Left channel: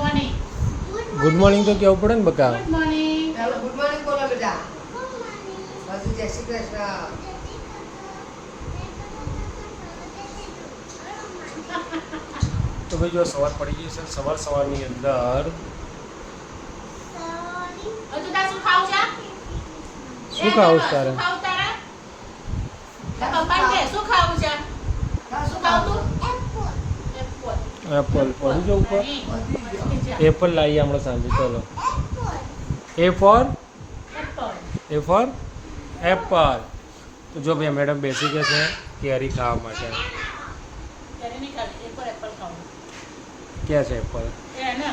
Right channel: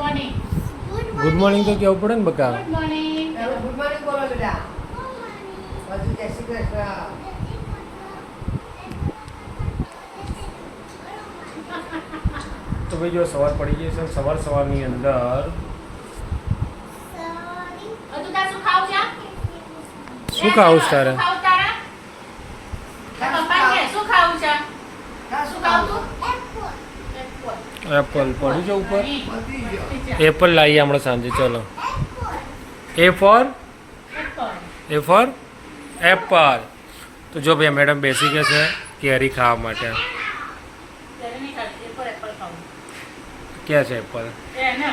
Morning. Good morning તો કેવું પડે ને બકા. Good morning. ગુડ મોર્નિંગ બોલો બેટા. બધું જય શ્રી કૃષ્ણ. તો ભાઈ જો સવાર પડી ગઈ છે, સવારની અંદર હજુ તાર શું ખાવું છે? શું ખાવું છે તારે? શું ખાવું તારે? પપ્પાને કે શું ખાવું છે? શું ખાવું તું? એપલ પડી જાવ ઉપર. બધી ગયો. એપલ લાવીએ હમણાં સાંજે. ચલો. એ ફોર એપલ. તો જો ભાઈ મેડમ બેસી ગયા છે કેરી ખાવા માટે. ત્યારે નહીં ખાતી, એપલ ખાવું. ક્યાં છે એપલ? એ ને.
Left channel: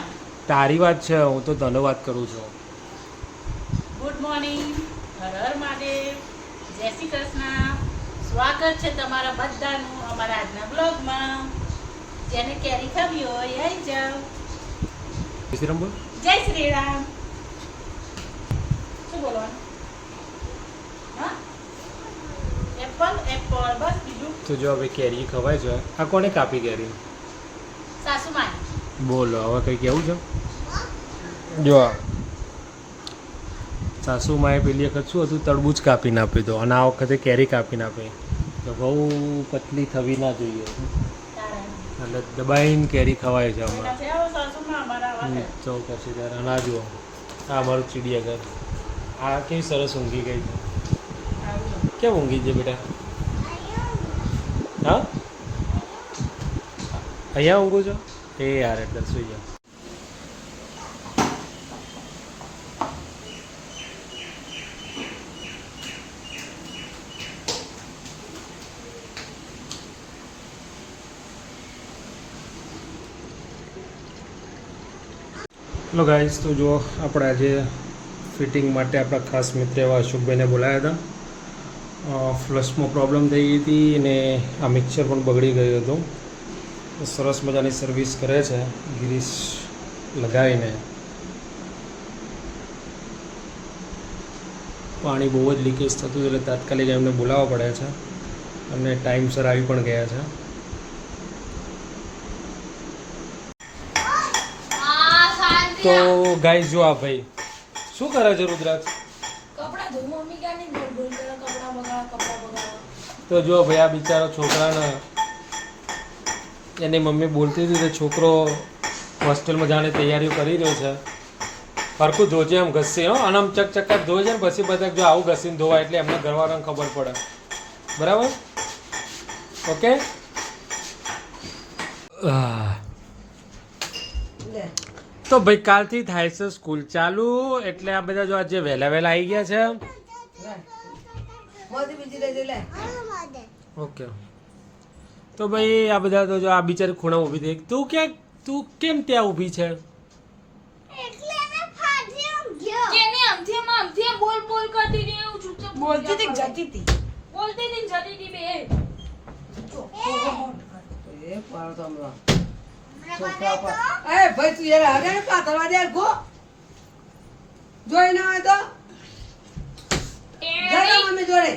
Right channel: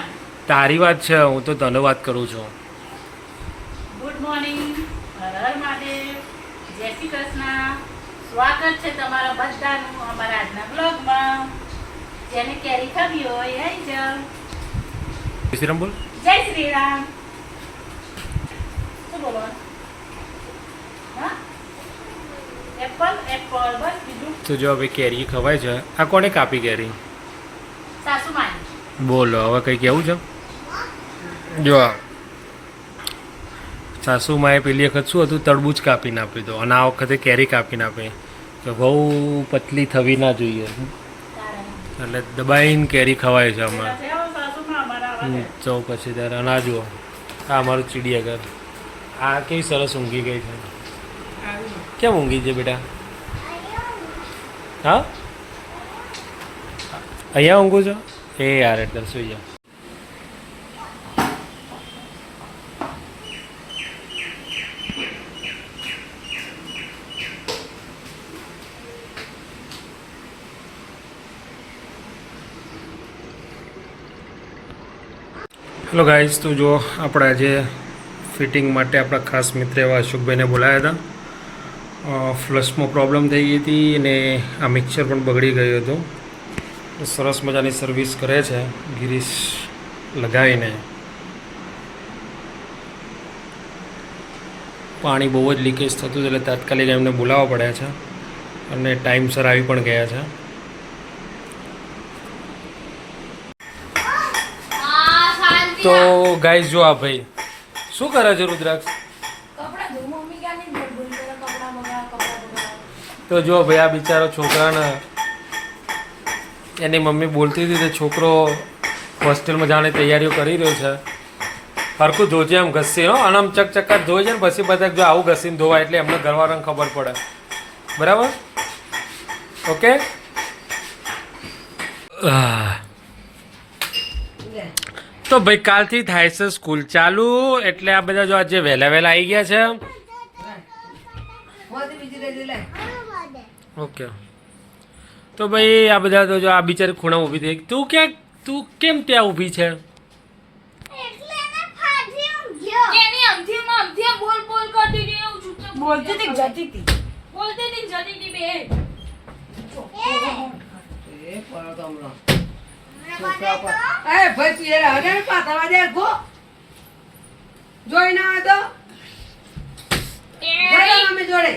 તારી વાત છે, હું તો તને વાત કરું છું. Good morning. હર હર મહાદેવ. જય શ્રી કૃષ્ણ. સ્વાગત છે તમારા બધાનું અમારા આજના બ્લોગમાં. જેને કેરી ખાવી હોય આવી જાઓ. જય શ્રી રામ બોલ. જય શ્રી રામ. શું બોલવાનું? હા? એપલ બસ કીધું. તો જો હવે કેરી ખવાય છે. આ કોને કાપી કેરી? સાસુમાએ. બોલો હવે કંઈ કેવું છે? જો સાસુમાએ પેલી વખત શું હતું, તરબૂચ કાપીને આપી દો, અને આ વખતે કેરી કાપીને આપી કે બહુ પતલી થવી ના જોઈએ, એટલે દબાઈને કેરી ખવાય છે હમણાં. તો પછી ત્યારે અને આ જુઓ, આ અમારું ચીડિયાઘર. આ કેવી સરસ ઊંઘી ગઈ છે. કેમ ઊંઘી છે બેટા? હા, અહીંયા ઊંઘું છો? એ યાર એટલે સુઈ જાઓ. હેલો ગાઈઝ, તો જો આપણે આજે ફિટિંગ માટે આપણા ખાસ મિત્ર એવા અશોકભાઈને બોલાવ્યા હતા. ફ્લશમાં પ્રોબ્લેમ થઈ ગઈ હતી અને આ મિક્સર પણ બગડી ગયું હતું. સરસ મજાની સર્વિસ કરે છે ગિરીશ લગાવીને. પાણી બહુ જ લીકેજ થતું હતું એટલે તાત્કાલિક એમને બોલાવવા પડ્યા છે અને ટાઈમસર આવી પણ ગયા છે. તો ગાઈઝ જો આ ભાઈ શું કરે છે રુદ્રાક્ષ? કપડા ધો. મમ્મી ક્યાં નહીં બોલ કરે કપડા બગાડ. તો જો ભાઈ આ બિચારો છોકરાને એની મમ્મી બોલતી હતી તો છોકરો હોસ્ટેલમાં જાણે તૈયારીઓ કરી રહ્યો છે. હરખું ધોજે એમ ઘસી, હો, અને આમ ચકચકાટ ધોઈ છે ને પછી બધા જો આવું ઘસીને ધોવાય એટલે એમને ઘરવાળાને ખબર પડે. બરાબર? ઓકે. તો ભાઈ કાલથી થાય છે સ્કૂલ ચાલુ, એટલે આ બધા જો આજે વહેલા આવી ગયા છે. મોદી બીજી લઈ લે. ઓકે. તો ભાઈ આ બધા તો જો આ બિચારી ખૂણા ઊભી થઈ. તું કેમ ત્યાં ઊભી છે? એ પણ તો હમણાં. છોકરા પર. એ ભાઈ તું યાર હરે પાતળા દે ગો. જોઈ ના આવે તો. જય મમ્મી જોડે.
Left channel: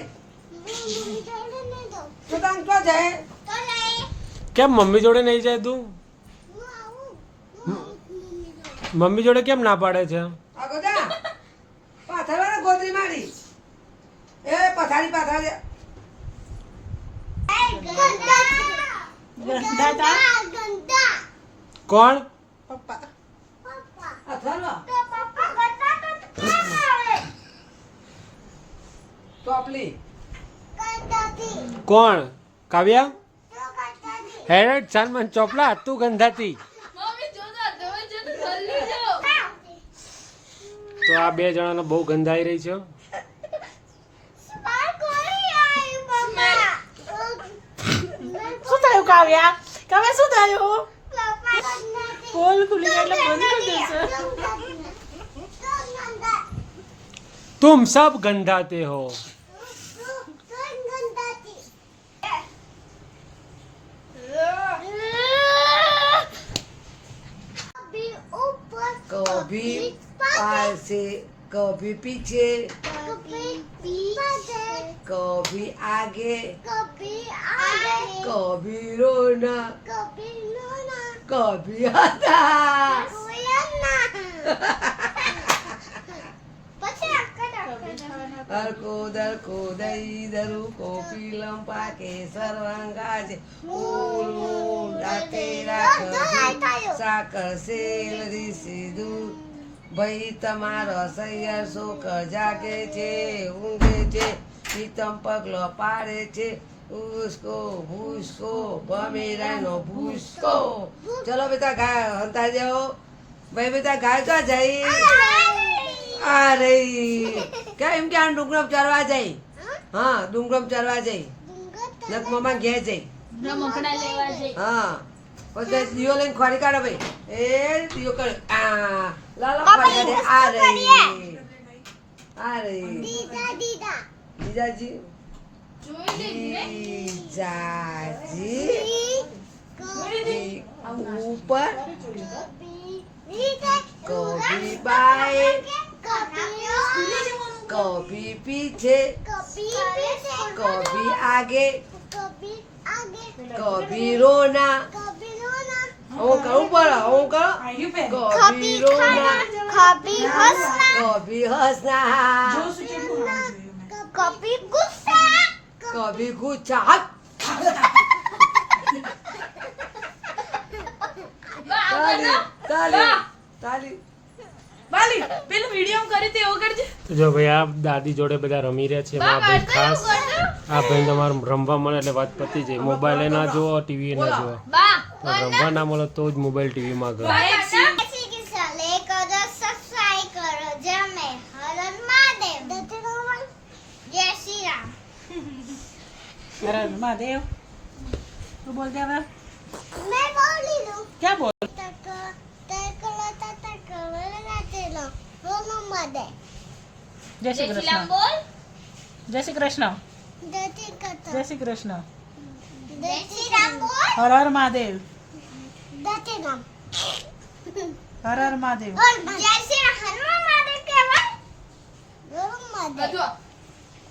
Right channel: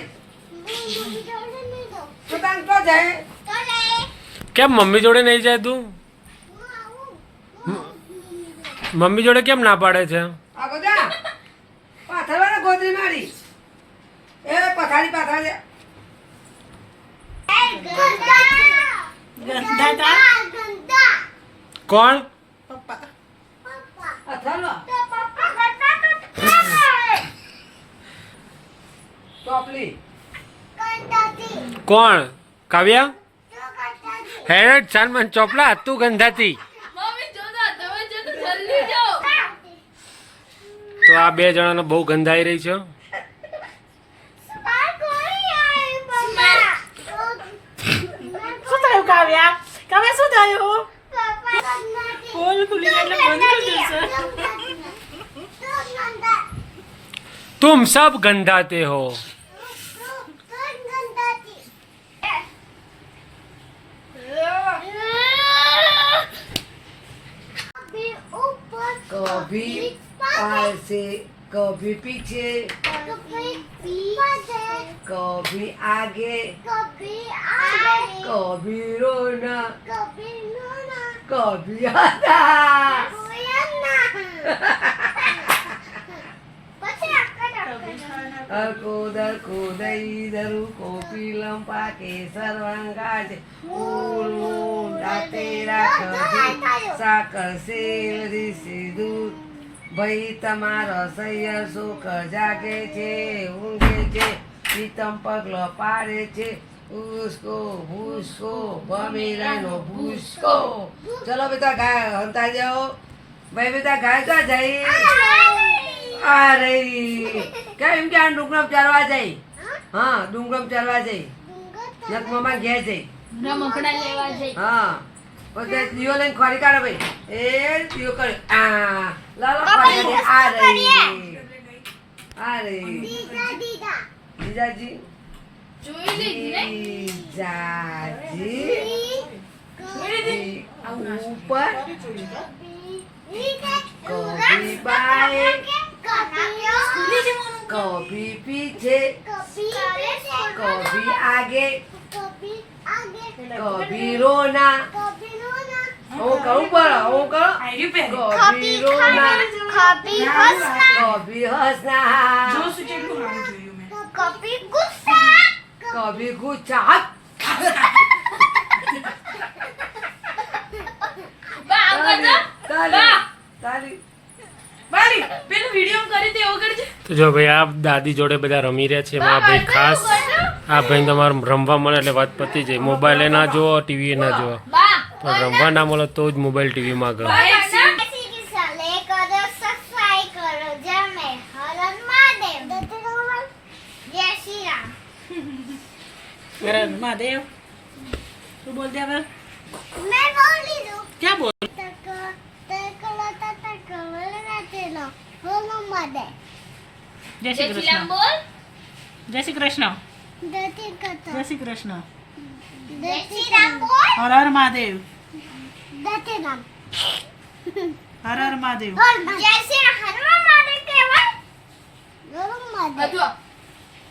તો તાન તો જાય. કેમ મમ્મી જોડે નહીં જાય તું? મમ્મી જોડે કેમ ના પાડે છે? આ બધા પાથરવાના ગોદરી મારી. એ પથારી પાથરા દે. કોણ? અથાલો. ટોપલી. કોણ? કાવ્યા? હેડ ચાલ મને ચોપલા તું ગંધાતી. તો આ બે જણાને બહુ ગંધાઈ રહી છે. શું થયું કાવ્યા? કાવ્યા શું થયું? પોલ ખુલી ગઈ એટલે બંધ કરી દેશે. तुम सब गंधाते हो. कभी ऐसे कभी पीछे कभी आगे कभी रोना कभी हंसा અરકો દરકો દઈ દરુ કોપી લંપા કે સર્વાંગા છે ઉરું દાતે રાખજો સાકર સેલ રીસી દૂધ ભાઈ તમારો સૈયર શોકર જાગે છે ઊંઘે છે પીતમ પગલો પાડે છે ઉસ્કો ભૂસકો બમેરાનો ભૂસકો ચલો બેટા ગાય હંતા જાઓ ભાઈ બેટા ગાય કા જાય અરે કેમ કે આ ડુંગરમ ચરવા જાય હા ડુંગરમ ચરવા જાય નકમામાં ઘેર જાય હા પછી દીવો લઈને ખોરી કાઢો ભાઈ એ દીવો કરે આ લાલો ખોરી કાઢે આ રે જીજાજી જીજાજી ઉપર कभी बाएं कभी पीछे कभी आगे कभी रोना ओ करो बड़ा ओ करो कभी रोना कभी हंसना कभी गुस्सा તો જો ભાઈ આ દાદી જોડે બધા રમી રહ્યા છે એમાં આ ભાઈ ખાસ આ ભાઈ તમારે રમવા મળે એટલે વાત પતી જાય મોબાઈલ ના જુઓ ટીવી ના જુઓ પણ રમવા ના મળે તો જ મોબાઈલ ટીવીમાં ગયો મહાદેવ તું બોલ દે હવે मैं बोल ली दो क्या बोल जय श्री कृष्ण जय श्री कृष्ण जय श्री कृष्ण हर हर महादेव हर हर महादेव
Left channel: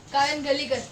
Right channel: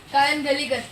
कायन गली कर